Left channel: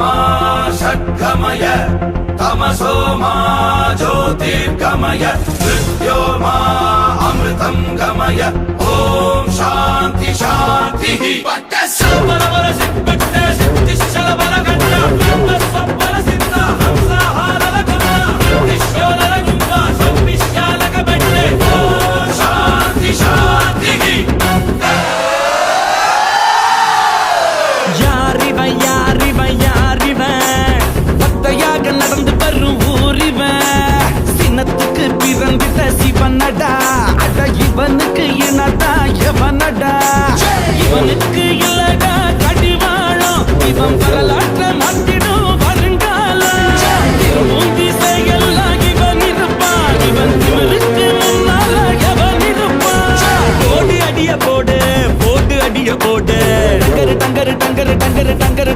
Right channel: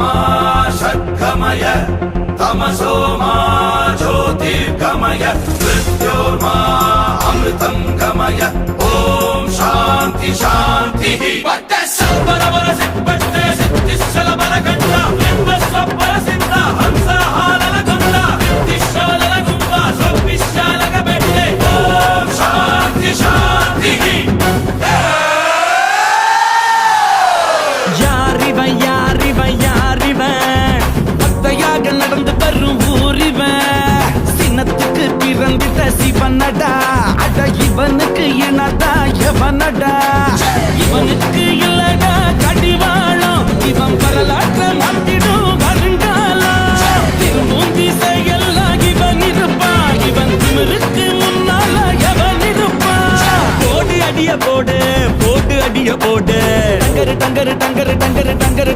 मा षट्गमय तमसो मा ज्योतिर्गमय मृत्योर्मा अमृतं गमय ॐ शान्ति शान्तिः பக்தையாக நடந்து வரும் ஊரிவன் சின்னத்துக்கு பிறந்திட்ட சிவனடா அட இவனுக்கு இனடா எவனடா இவனுக்கு இல்லடா கடிவாளம் இவன் வரலாற்ற மாட்டிடும் வருங்காலம் திரும்பும் திசையெல்லாம் இவன் இருப்பான் இவன் திமிருக்கு முன்னால எவன் இருப்பான் போடு அடிய போடு போடு அடிய போடு டங்கரு டங்கரு டங்கரு டங்கரு டங்கரு